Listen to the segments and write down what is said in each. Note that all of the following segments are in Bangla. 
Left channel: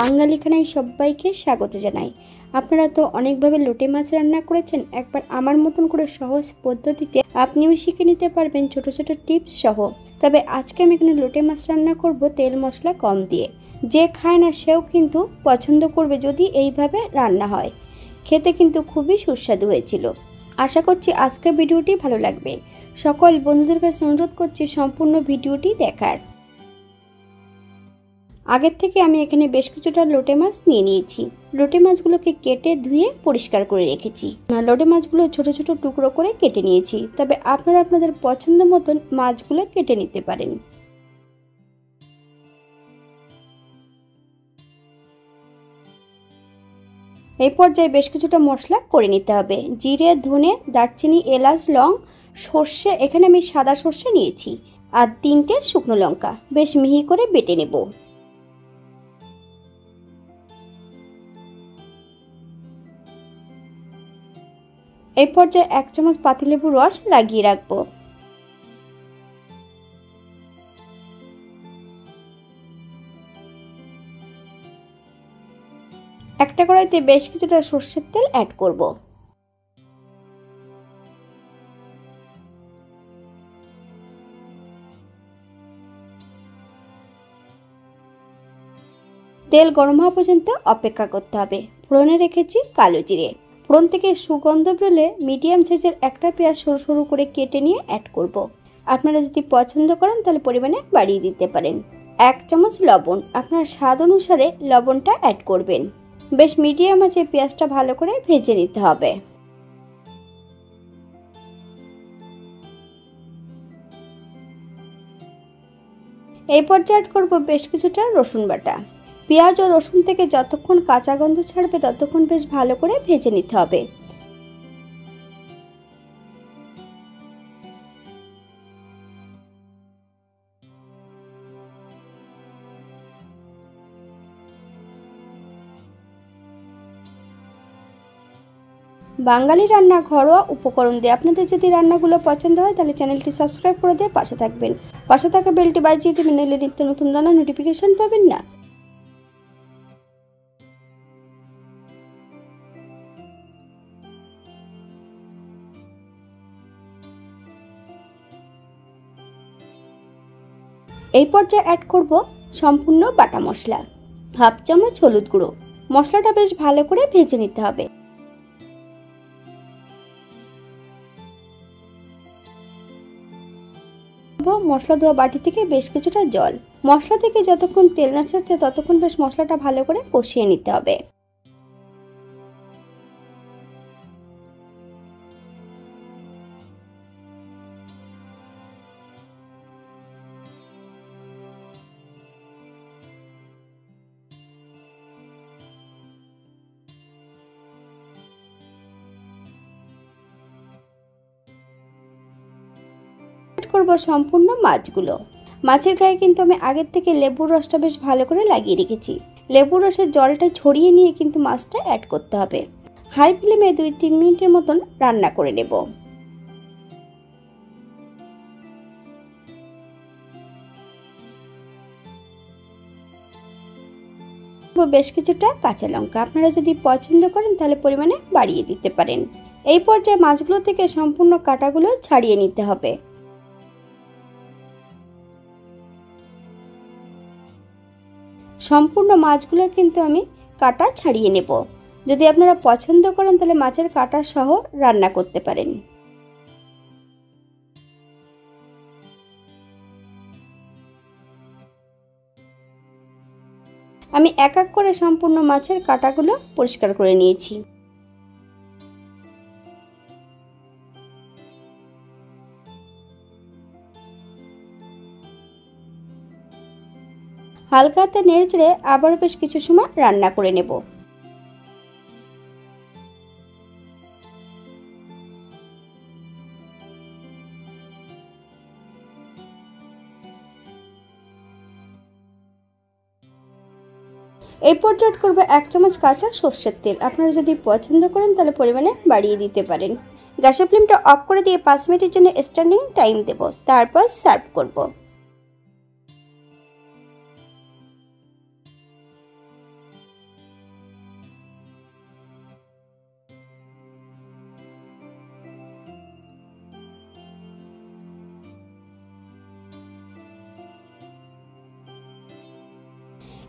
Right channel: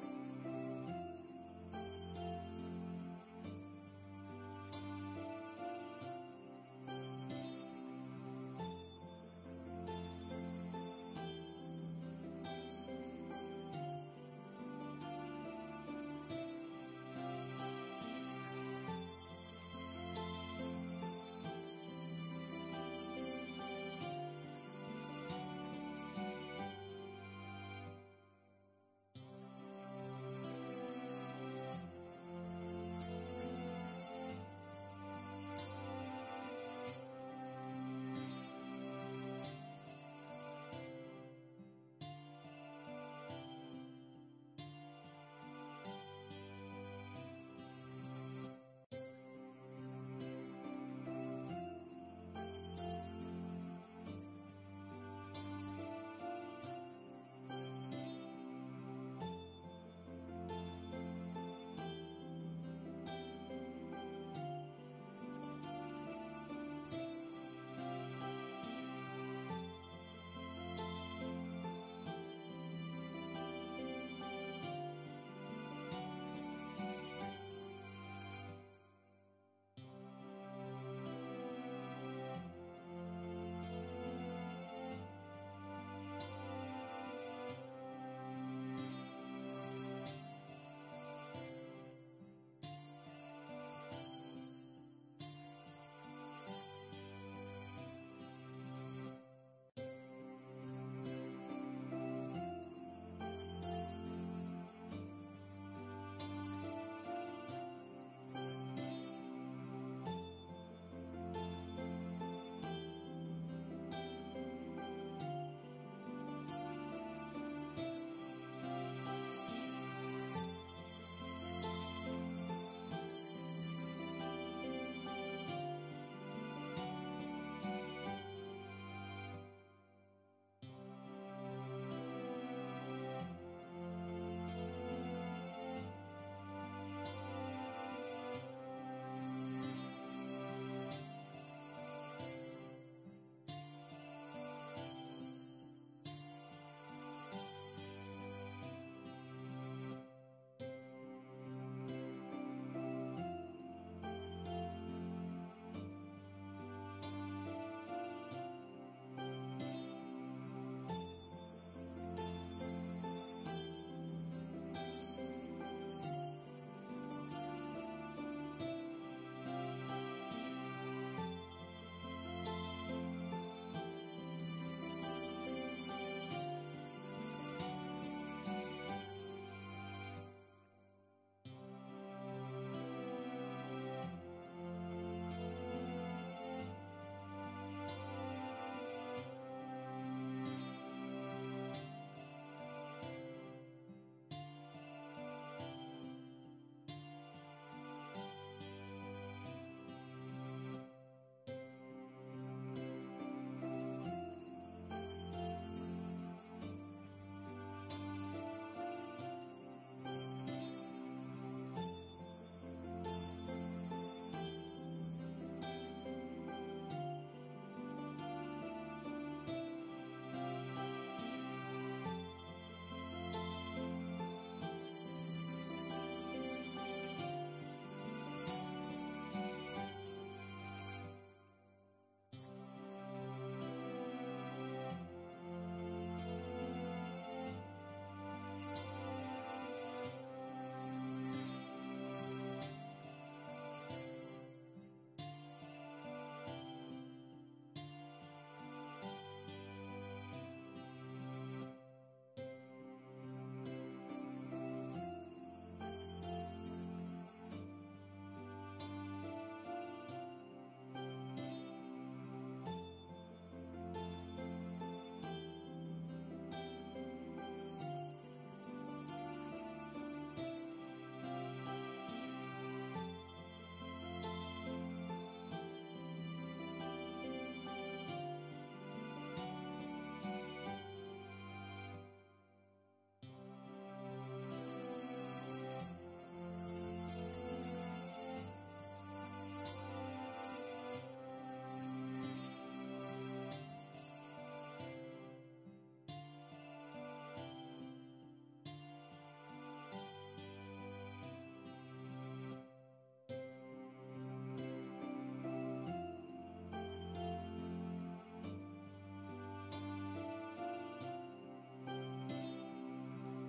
বাঙালি খানায় সবাইকে স্বাগত জানাই। আপনারা তো অনেকভাবে লোটে মাছ রান্না করেছেন, একবার আমার মতন করে সহজ পদ্ধতিতে আপনিও শিখে নিতে পারবেন ছোট ছোট টিপস সহ। তবে আজকে আমি এখানে লোটে মাছ রান্না করব তেল মশলা কম দিয়ে। যে খায় না সেও কিন্তু পছন্দ করবে যদি এইভাবে রান্না হয়। খেতে কিন্তু খুবই সুস্বাদু হয়েছিল। আশা করছি আজকের ভিডিওটি ভালো লাগবে। সকল বন্ধুদের কাছে অনুরোধ করছি সম্পূর্ণ ভিডিওটি দেখার। আগের থেকে আমি এখানে বেশ কিছুটা লোটে মাছ নিয়ে নিয়েছি। লোটে মাছগুলোকে কেটে ধুয়ে পরিষ্কার করে রেখেছি। লোটে মাছগুলো ছোট ছোট টুকরো করে কেটে নিয়েছি, তবে আপনারা আপনাদের পছন্দ মতন মাছগুলো কেটে নিতে পারেন। এই পর্যায়ে বেশ কিছুটা মশলা করে নিতে হবে। জিরে, ধনে, দারচিনি, এলাচ, লং, সর্ষে, এখানে আমি সাদা সর্ষে নিয়েছি, আর 3টে শুকনো লঙ্কা বেশ মিহি করে বেটে নেব। এই পর্যায়ে 1 চামচ পাতিলেবুর রস লাগিয়ে রাখবো। একটা কড়াইতে বেশ কিছুটা সর্ষের তেল অ্যাড করব। তেল গরম হওয়া পর্যন্ত অপেক্ষা করতে হবে। ফোড়নে রেখেছি কালো জিরে। ফোড়ন থেকে সুগন্ধ বেরোলে মিডিয়াম সাইজের একটা পেঁয়াজ সরু সরু করে কেটে নিয়ে অ্যাড করব। আপনারা যদি পছন্দ করেন তাহলে পরিমাণে বাড়িয়ে দিতে পারেন। 1 চামচ লবণ, আপনার স্বাদ অনুসারে লবণটা অ্যাড করবেন। বেশ মিডিয়াম আঁচে পেঁয়াজটা ভালো করে ভেজে নিতে হবে। এই পর্যায়ে অ্যাড করব বেশ কিছুটা রসুন বাটা। পেঁয়াজ ও রসুন থেকে যতক্ষণ কাঁচা গন্ধ ছাড়বে ততক্ষণ বেশ ভালো করে ভেজে নিতে হবে। বাঙালি রান্না ঘরোয়া উপকরণ দিয়ে। আপনাদের যদি রান্নাগুলো পছন্দ হয় তাহলে চ্যানেলটি সাবস্ক্রাইব করে দিয়ে পাশে থাকবেন। পাশে থাকা বেলটি বাজিয়ে দেবেন, নইলে নিত্য নতুন রান্নার নোটিফিকেশন পাবেন না। এই পর্যায়ে অ্যাড করব সম্পূর্ণ বাটা মশলা। 1/2 চামচ হলুদ গুঁড়ো। মশলাটা বেশ ভালো করে ভেজে নিতে হবে। মশলা ধোয়া বাটি থেকে বেশ কিছুটা জল। মশলা থেকে যতক্ষণ তেল না ছাড়ছে ততক্ষণ বেশ মশলাটা ভালো করে কষিয়ে নিতে হবে। করব সম্পূর্ণ মাছগুলো। মাছের গায়ে কিন্তু আমি আগের থেকে লেবুর রসটা বেশ ভালো করে লাগিয়ে রেখেছি। লেবুর রসের জলটা ছড়িয়ে নিয়ে কিন্তু মাছটা অ্যাড করতে হবে। হাই ফ্লেমে 2-3 মিনিটের মতন রান্না করে নেব। বেশ কিছুটা কাঁচা লঙ্কা, আপনারা যদি পছন্দ করেন তাহলে পরিমাণে বাড়িয়ে দিতে পারেন। এই পর্যায়ে মাছগুলো থেকে সম্পূর্ণ কাঁটাগুলো ছাড়িয়ে নিতে হবে। সম্পূর্ণ মাছগুলো কিন্তু আমি কাঁটা ছাড়িয়ে নেব। যদি আপনারা পছন্দ করেন তাহলে মাছের কাঁটা সহ রান্না করতে পারেন। আমি এক এক করে সম্পূর্ণ মাছের কাঁটাগুলো পরিষ্কার করে নিয়েছি। হালকা হাতে নেড়ে চেড়ে আবার বেশ কিছু সময় রান্না করে নেব। এই পর্যায়ে করব 1 চামচ কাঁচা সর্ষের তেল। আপনারা যদি পছন্দ করেন তাহলে পরিমাণে বাড়িয়ে দিতে পারেন। গ্যাসের ফ্লেমটা অফ করে দিয়ে 5 মিনিটের জন্য স্ট্যান্ডিং টাইম দেব, তারপর সার্ভ করব।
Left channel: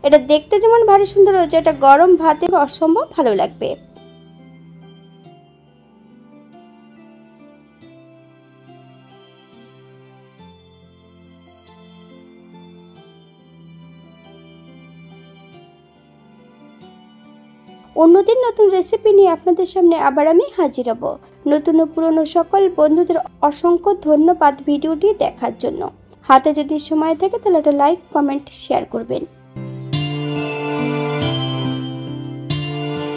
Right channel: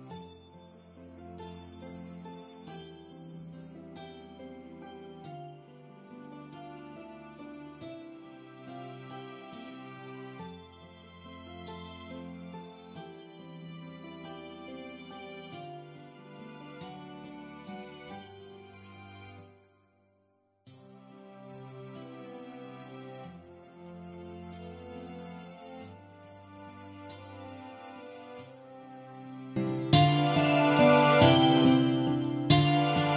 এটা দেখতে যেমন ভারী সুন্দর হয়েছে, এটা গরম ভাতে অসম্ভব ভালো লাগবে। অন্যদিন নতুন রেসিপি নিয়ে আপনাদের সামনে আবার আমি হাজির হব। নতুন ও পুরনো সকল বন্ধুদের অসংখ্য ধন্যবাদ ভিডিওটি দেখার জন্য। হাতে যদি সময় থাকে তাহলে একটা লাইক, কমেন্ট, শেয়ার করবেন।